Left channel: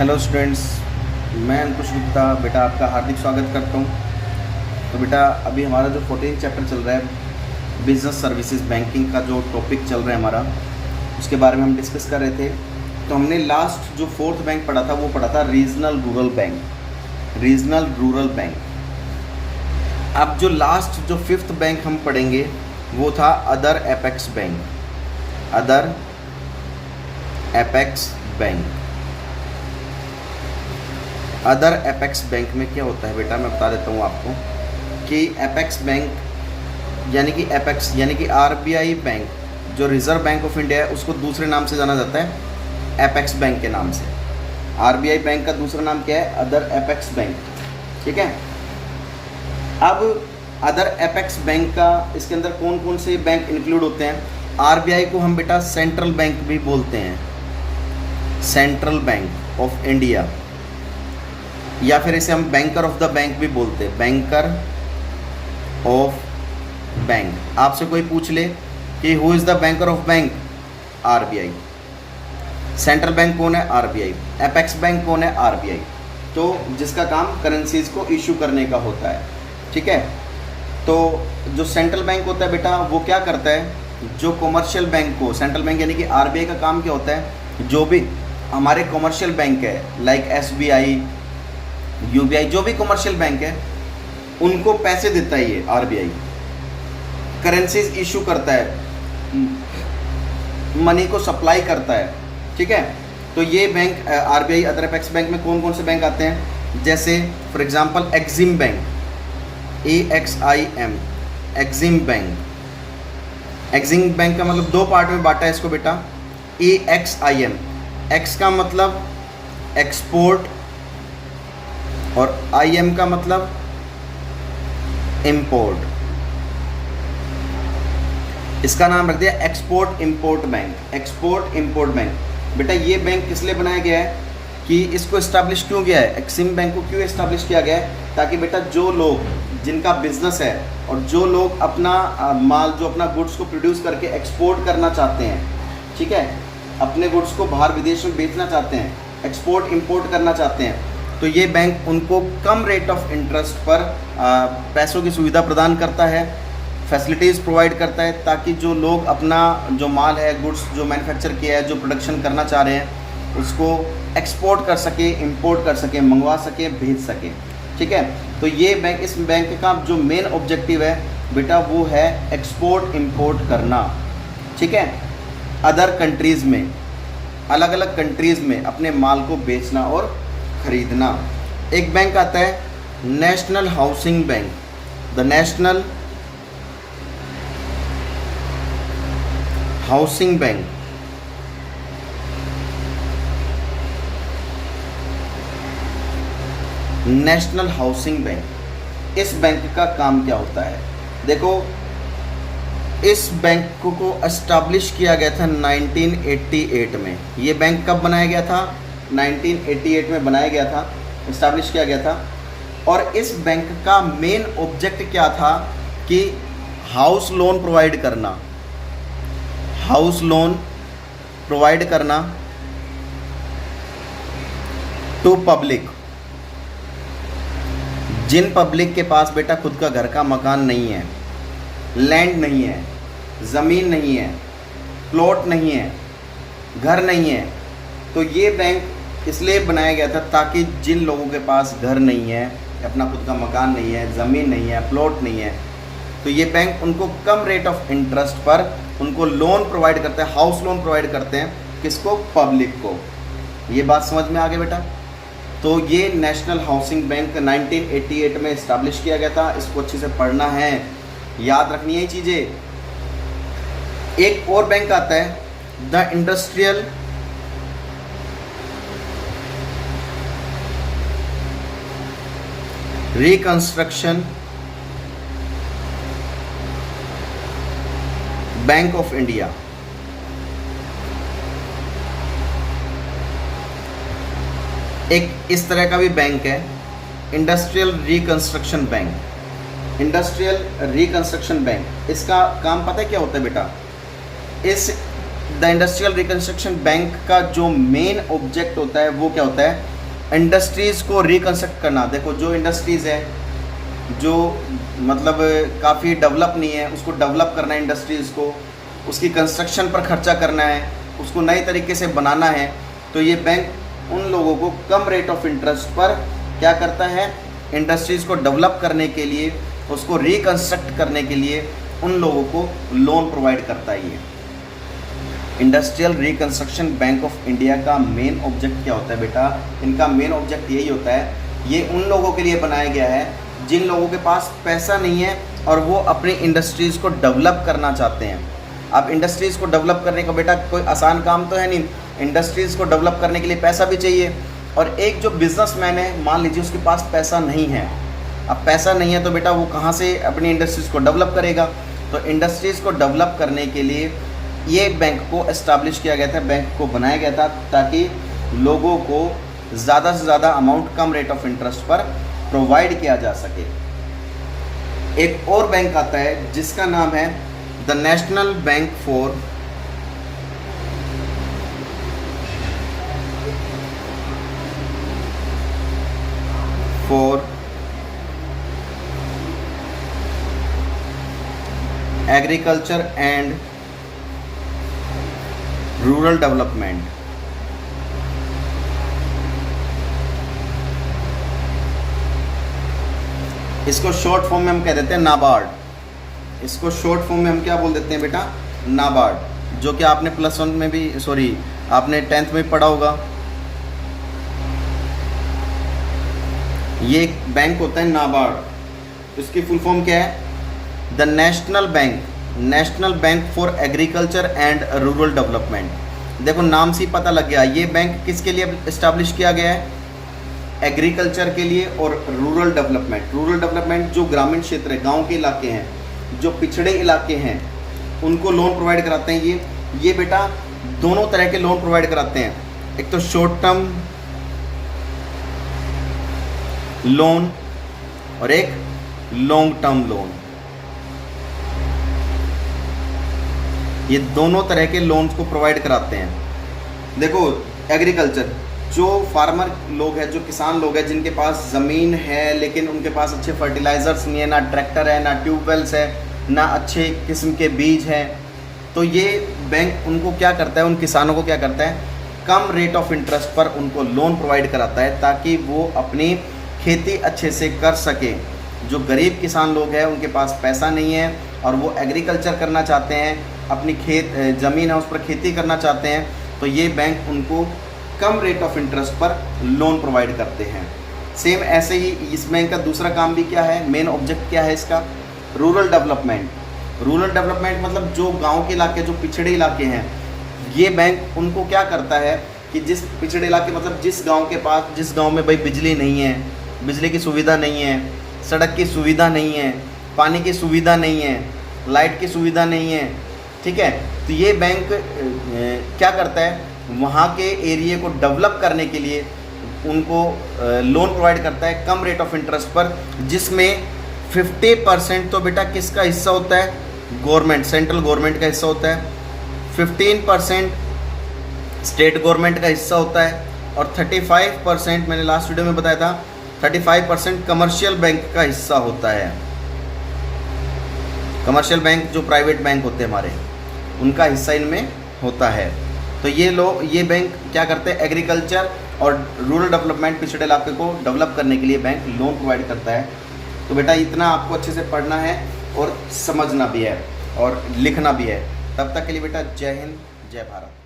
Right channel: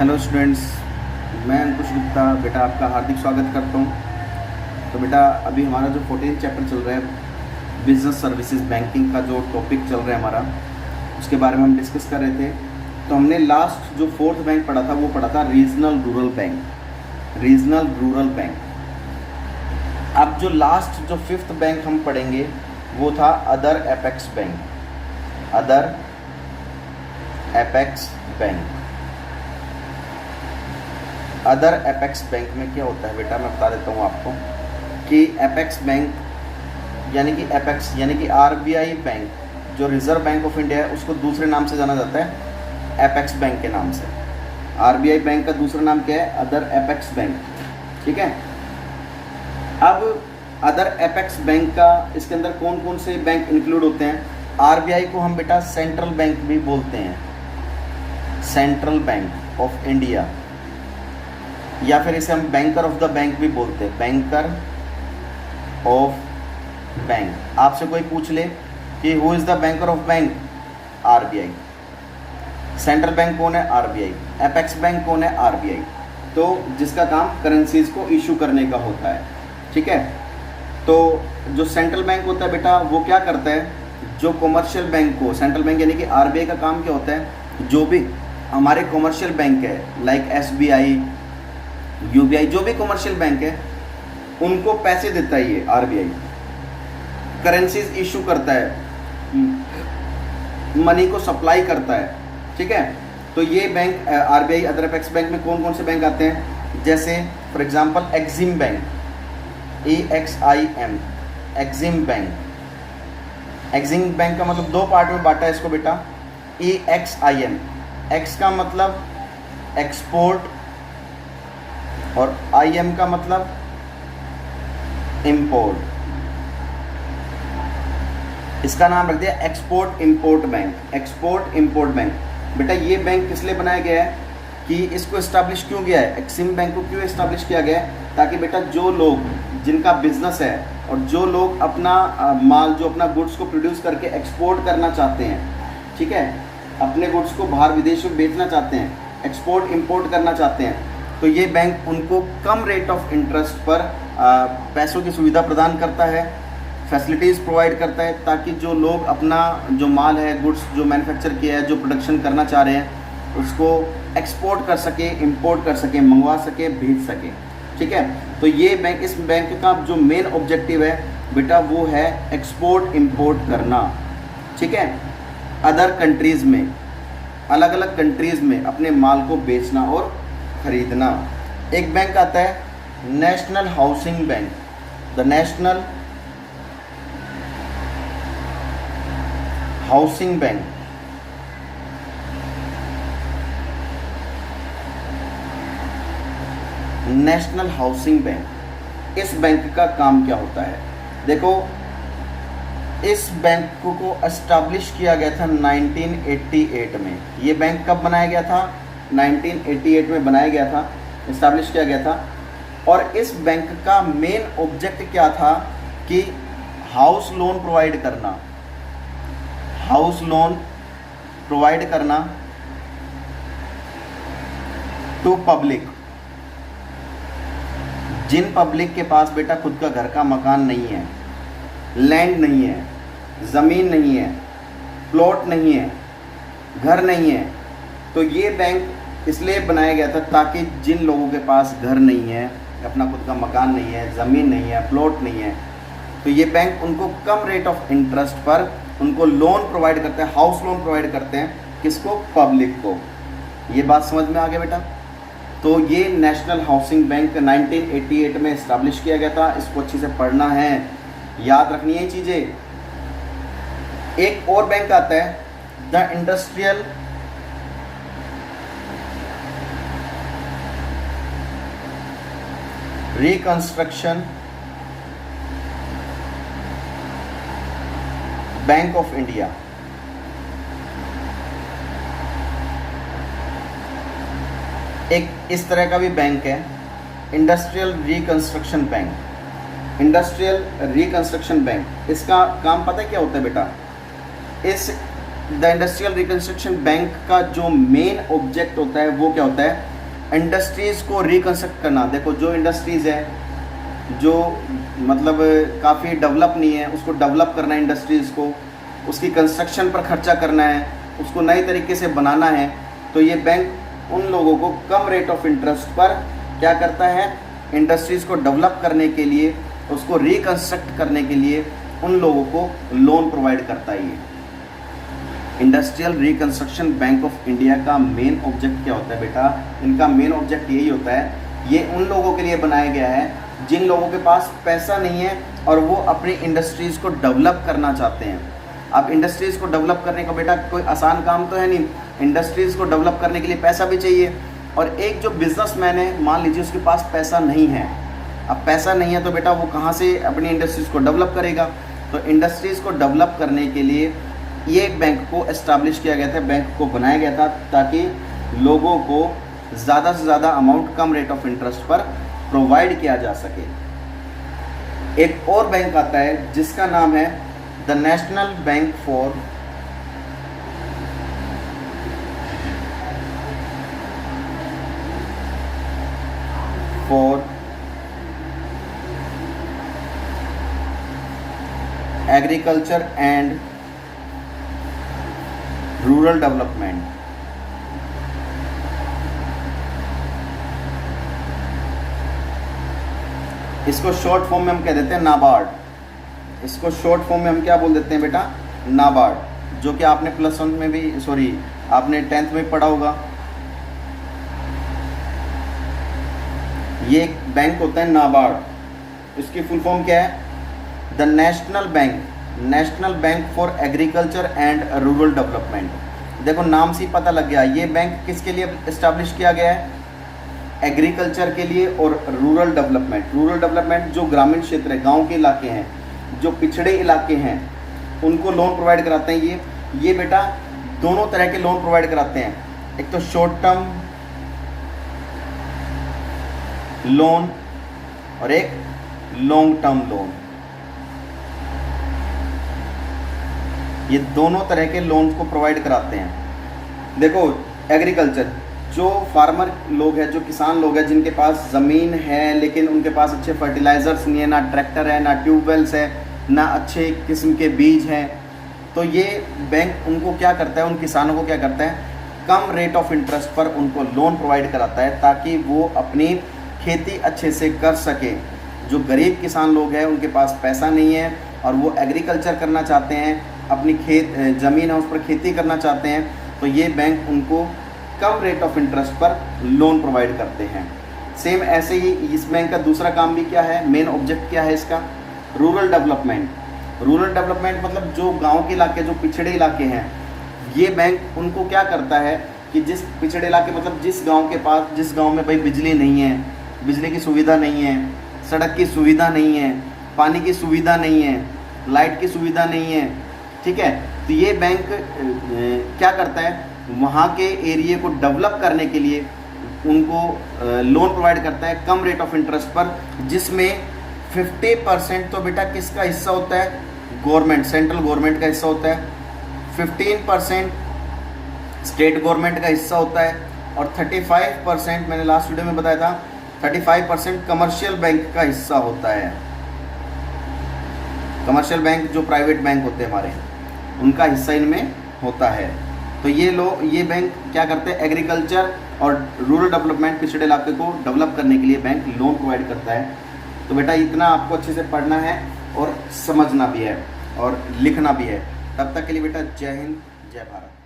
Hello students, मैं अंकुश गुप्ता बेटा आपका हार्दिक स्वागत करता हूं। तो बेटा अभी हमारा जो 14 चैप्टर चल रहा है बिजनेस सर्विसेज बैंकिंग का जो टॉपिक चल रहा है हमारा, उसके बारे में हम डिस्कस कर रहे थे। तो हमने लास्ट जो फोर्थ बैंक पढ़ा था वो पढ़ा था regional rural bank. Regional rural bank. अब जो लास्ट जो फिफ्थ बैंक हम पढ़ेंगे वो था other apex bank. Other apex bank. Other apex bank में क्या होता है बेटा, मैं बता देता हूँ आपको कि एपेक्स बैंक यानी कि आरबीआई बैंक, जो रिजर्व बैंक ऑफ इंडिया है, उसको दूसरे नाम से जाना जाता है एपेक्स बैंक के नाम से। आरबीआई बैंक का दूसरा नाम क्या है? Other apex bank. ठीक है। अब अदर एपेक्स बैंक का इसके अंदर कौन कौन से बैंक इंक्लूड होते हैं? आरबीआई को हम बेटा सेंट्रल बैंक भी बोलते हैं, सेंट्रल बैंक ऑफ इंडिया, या फिर इसे हम बैंकर ऑफ द बैंक भी बोलते हैं, बैंकर ऑफ बैंक। आपसे कोई पूछ ले कि who is the banker of bank? RBI. Central bank कौन है? आरबीआई। एपेक्स बैंक कौन है? आरबीआई। तो जिसका काम करेंसीज को इशू करने का होता है। ठीक है। तो जो सेंट्रल बैंक होता है बेटा वो क्या करता है? जो कॉमर्शियल बैंक को, सेंट्रल बैंक यानी कि आरबीआई का काम क्या होता है? जो भी हमारे कॉमर्शियल बैंक है लाइक एसबीआई, यूबीआई, जो भी कॉमर्शियल बैंक है उनको पैसे देता है ये आरबीआई, करेंसीज इशू करता है, मनी को सप्लाई करता है। ठीक है। तो ये bank RBI other apex bank में कौन कौन से बैंक आते हैं? जैसे for example Exim bank, EXIM, Exim bank. Exim bank का मतलब दो पार्ट में बांटा है इसको बेटा। EXIM, एक्स का मतलब एक्सपोर्ट और IM का मतलब इंपोर्ट। इसका नाम रख दिया export import bank. Export import bank. बेटा ये बैंक किस लिए बनाया गया है कि इसको इस्टेब्लिश क्यों किया है? एक्सिम बैंक को क्यों इस्टेब्लिश किया गया है? ताकि बेटा जो लोग जिनका बिजनेस है और जो लोग अपना माल, जो अपना गुड्स को प्रोड्यूस करके एक्सपोर्ट करना चाहते हैं, ठीक है, अपने गुड्स को बाहर विदेश में बेचना चाहते हैं, एक्सपोर्ट इंपोर्ट करना चाहते हैं, तो ये बैंक उनको कम रेट ऑफ इंटरेस्ट पर पैसों की सुविधा प्रदान करता है, फैसिलिटीज़ प्रोवाइड करता है, ताकि जो लोग अपना जो माल है, गुड्स जो मैन्युफैक्चर किया है, जो प्रोडक्शन करना चाह रहे हैं, उसको एक्सपोर्ट कर सके, इंपोर्ट कर सके, मंगवा सके, भेज सके। ठीक है। तो ये बैंक, इस बैंक का जो मेन ऑब्जेक्टिव है बेटा वो है एक्सपोर्ट इंपोर्ट करना। ठीक है। अदर कंट्रीज़ में, अलग अलग कंट्रीज़ में अपने माल को बेचना और खरीदना। एक बैंक आता है national housing bank, the national housing bank. National housing bank, इस बैंक का काम क्या होता है? देखो, इस बैंक को एस्टैब्लिश किया गया था 1988 में। ये बैंक कब बनाया गया था? 1988 में बनाया गया था, इस्टेब्लिश किया गया था। और इस बैंक का मेन ऑब्जेक्ट क्या था कि हाउस लोन प्रोवाइड करना, हाउस लोन प्रोवाइड करना टू पब्लिक। जिन पब्लिक के पास बेटा खुद का घर का मकान नहीं है, लैंड नहीं है, ज़मीन नहीं है, प्लॉट नहीं है, घर नहीं है, तो ये बैंक इसलिए बनाया गया था ताकि जिन लोगों के पास घर नहीं है, अपना खुद का मकान नहीं है, ज़मीन नहीं है, प्लॉट नहीं है, तो ये बैंक उनको कम रेट ऑफ इंटरेस्ट पर उनको लोन प्रोवाइड करते हैं, हाउस लोन प्रोवाइड करते हैं। किसको? पब्लिक को। ये बात समझ में आ गया बेटा? तो ये नेशनल हाउसिंग बैंक 1988 में इस्टेब्लिश किया गया था। इसको अच्छे से पढ़ना है, याद रखनी है चीज़ें। एक और बैंक आता है the industrial reconstruction bank of India. एक इस तरह का भी बैंक है, industrial reconstruction bank. Industrial reconstruction bank, इसका काम पता है क्या होता है बेटा? इस द इंडस्ट्रियल रिकंस्ट्रक्शन बैंक का जो मेन ऑब्जेक्ट होता है वो क्या होता है, इंडस्ट्रीज़ को रिकंस्ट्रक्ट करना। देखो जो इंडस्ट्रीज़ है जो मतलब काफ़ी डेवलप नहीं है, उसको डेवलप करना है इंडस्ट्रीज़ को, उसकी कंस्ट्रक्शन पर खर्चा करना है, उसको नए तरीके से बनाना है। तो ये बैंक उन लोगों को कम रेट ऑफ इंटरेस्ट पर क्या करता है, इंडस्ट्रीज़ को डेवलप करने के लिए, उसको रिकंस्ट्रक्ट करने के लिए उन लोगों को लोन प्रोवाइड करता है। ये industrial reconstruction bank of India का मेन ऑब्जेक्ट क्या होता है बेटा, इनका मेन ऑब्जेक्ट यही होता है, ये उन लोगों के लिए बनाया गया है जिन लोगों के पास पैसा नहीं है और वो अपनी इंडस्ट्रीज़ को डेवलप करना चाहते हैं। अब इंडस्ट्रीज़ को डेवलप करने का बेटा कोई आसान काम तो है नहीं, इंडस्ट्रीज़ को डेवलप करने के लिए पैसा भी चाहिए। और एक जो बिजनेसमैन है, मान लीजिए उसके पास पैसा नहीं है, अब पैसा नहीं है तो बेटा वो कहाँ से अपनी इंडस्ट्रीज़ को डेवलप करेगा। तो इंडस्ट्रीज़ को डेवलप करने के लिए ये बैंक को एस्टैब्लिश किया गया था, बैंक को बनाया गया था ताकि लोगों को ज़्यादा से ज़्यादा amount come rate of interest पर प्रोवाइड किया जा सके। एक और बैंक आता है जिसका नाम है the national bank for agriculture and rural development. इसको शॉर्ट फॉर्म में हम कह देते हैं नाबार्ड। इसको शॉर्ट फॉर्म में हम क्या बोल देते हैं बेटा, नाबार्ड, जो कि आपने +1 में भी, सॉरी आपने 10th में पढ़ा होगा। ये एक बैंक होता है नाबार्ड, इसकी फुल फॉर्म क्या है, the national bank for agriculture and rural development. देखो नाम से ही पता लग गया, ये बैंक किसके लिए इस्टेब्लिश किया गया है, एग्रीकल्चर के लिए और रूरल डेवलपमेंट। रूरल डेवलपमेंट जो ग्रामीण क्षेत्र है, गांव के इलाके हैं, जो पिछड़े इलाके हैं, उनको लोन प्रोवाइड कराते हैं। ये बेटा दोनों तरह के लोन प्रोवाइड कराते हैं, एक तो शॉर्ट टर्म लोन और एक लॉन्ग टर्म लोन। ये दोनों तरह के लोन्स को प्रोवाइड कराते हैं। देखो एग्रीकल्चर, जो फार्मर लोग हैं, जो किसान लोग हैं जिनके पास ज़मीन है लेकिन उनके पास अच्छे फर्टिलाइज़र्स नहीं है, ना ट्रैक्टर है, ना ट्यूबवेल्स है, ना अच्छे किस्म के बीज हैं, तो ये बैंक उनको क्या करता है, उन किसानों को क्या करता है, कम रेट ऑफ इंटरेस्ट पर उनको लोन प्रोवाइड कराता है ताकि वो अपनी खेती अच्छे से कर सके। जो गरीब किसान लोग हैं उनके पास पैसा नहीं है और वो एग्रीकल्चर करना चाहते हैं, अपनी ज़मीन है उस पर खेती करना चाहते हैं, तो ये बैंक उनको कम रेट ऑफ इंटरेस्ट पर लोन प्रोवाइड करते हैं। सेम ऐसे ही इस बैंक का दूसरा काम भी क्या है, मेन ऑब्जेक्ट क्या है इसका, रूरल डेवलपमेंट। रूरल डेवलपमेंट मतलब जो गांव के इलाके, जो पिछड़े इलाके हैं, ये बैंक उनको क्या करता है कि जिस पिछड़े इलाके मतलब जिस गांव में भाई बिजली नहीं है, बिजली की सुविधा नहीं है, सड़क की सुविधा नहीं है, पानी की सुविधा नहीं है, लाइट की सुविधा नहीं है, ठीक है, तो ये बैंक क्या करता है, वहाँ के एरिया को डेवलप करने के लिए उनको लोन प्रोवाइड करता है कम रेट ऑफ इंटरेस्ट पर, जिसमें 50% तो बेटा किसका हिस्सा होता है, गवर्नमेंट, सेंट्रल गवर्नमेंट का हिस्सा होता है, 15% स्टेट गवर्नमेंट का हिस्सा होता है और 35%, मैंने लास्ट वीडियो में बताया था, 35% कमर्शियल बैंक का हिस्सा होता है। कमर्शियल बैंक जो प्राइवेट बैंक होते हैं हमारे, उनका हिस्सा इनमें होता है। तो ये बैंक क्या करते हैं, एग्रीकल्चर और रूरल डेवलपमेंट, पिछड़े इलाके को डेवलप करने के लिए बैंक लोन प्रोवाइड करता है। तो बेटा इतना आपको अच्छे से पढ़ना है और समझना भी है और लिखना भी है। तब तक के लिए बेटा जय हिंद, जय भारत।